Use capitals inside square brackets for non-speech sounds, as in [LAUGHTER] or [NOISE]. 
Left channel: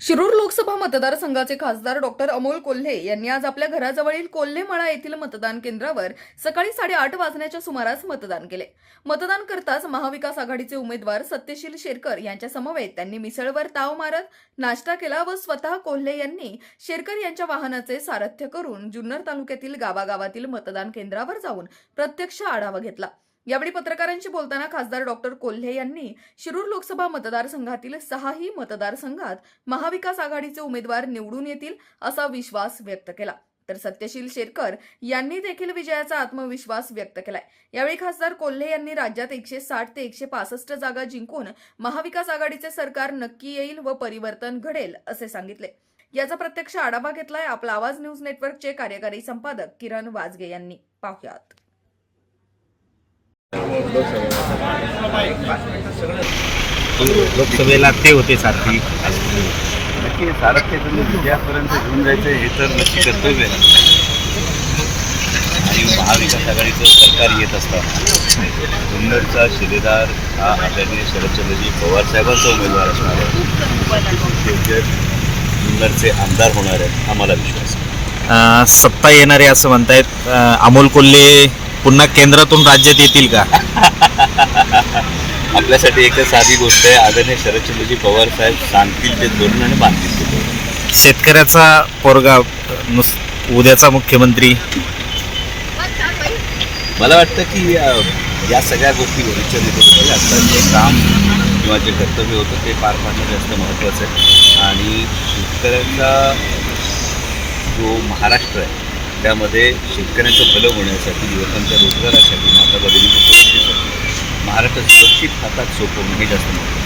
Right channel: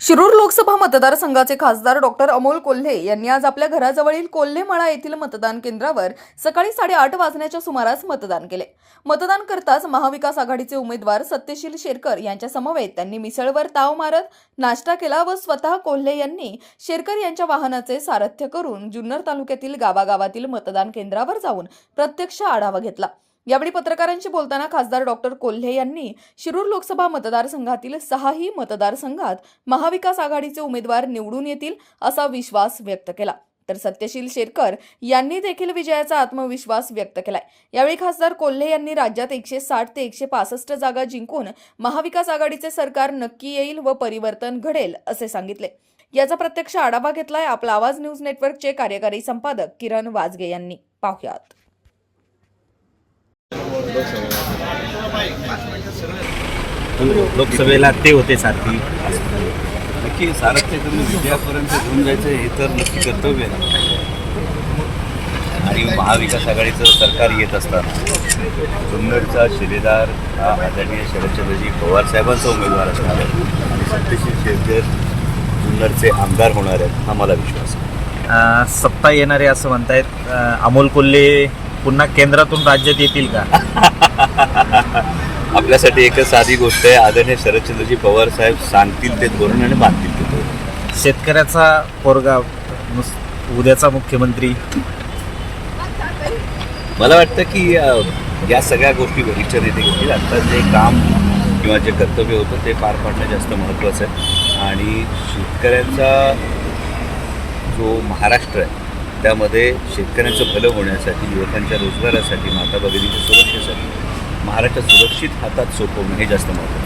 शिरूर लोकसभा मतदारसंघाचे खासदार डॉक्टर अमोल कोल्हे यांनी आज आपल्या घराजवळील कोल्हेमळा येथील मतदान केंद्रावर सकाळी साडेआठ वाजण्याच्या सुमारास मतदान केले. मतदान करताच महाविकास आघाडीचे उमेदवार सत्यशील शेरकर यांच्या समवेत त्यांनी मिसळवर ताव मारत नाश्ता केला व स्वतः कोल्हे यांनी शेरकर यांच्या वाहनाचे सारथ्य करून जुन्नर तालुक्यातील गावागावातील मतदान केंद्रावर जाऊन प्रत्यक्ष आढावा घेतला. यावेळी पत्रकारांशी बोलताना खासदार डॉक्टर कोल्हे यांनी शिरूर लोकसभा मतदारसंघातील सहाही मतदारसंघात महाविकास आघाडीचे उमेदवार निवडून येतील असा विश्वास व्यक्त केला. तर सत्यशील शेरकर यांनी देखील विजयाचा आत्मविश्वास व्यक्त केलाय. यावेळी खासदार कोल्हे यांनी राज्यात एकशे साठ ते एकशे पासष्ट जागा जिंकून महाविकास आघाडीचे सरकार नक्की येईल व परिवर्तन घडेल असे सांगितले. याचा प्रत्यक्ष आढावा घेतलाय आपला आवाज न्यूज नेटवर्कचे कार्यकारी संपादक किरण वाजगे यांनी. पाहुयात. लोकसभेला ते होते सारखी. नक्की सारथ्य तुम्ही विजयापर्यंत घेऊन जायचं हे तर नक्की कर्तव्य आहे. आणि महाविकास आघाडीचं सरकार येत असताना जुन्नरचा शिलेदार हा आदरणीय शरदचंद्रजी पवार साहेबांचा उमेदवार असणार आहे. शेरकर जुन्नरचे आमदार होणार आहेत हा मला विश्वास आहे. सत्ता येणारे असं म्हणतायत. अमोल कोल्हे पुन्हा केंद्रातून राज्यात येतील का? [LAUGHS] आपल्यासाठी एकच साधी गोष्ट आहे आदरणीय शरदचंद्रजी पवार साहेब सांगतील ते धोरण आणि बांधतील ते धोरण. शेतकऱ्याचा पोरगा नुस उद्याचा मुख्यमंत्री. मला वाटतं की या सगळ्या गोष्टी भविष्यात येते गोष्टी आता जे काम किंवा जे कर्तव्य होतं ते पार पाडणं जास्त महत्त्वाचं आहे. आणि शेतकऱ्यांचा जो महाराष्ट्र आहे त्यामध्ये शेतकऱ्यांचं भलं होण्यासाठी युवकांच्या रोजगारासाठी माता भगिनीच्या सुरक्षेसाठी महाराष्ट्र सुरक्षित हातात सोपवणं हे जास्त महत्त्वाचं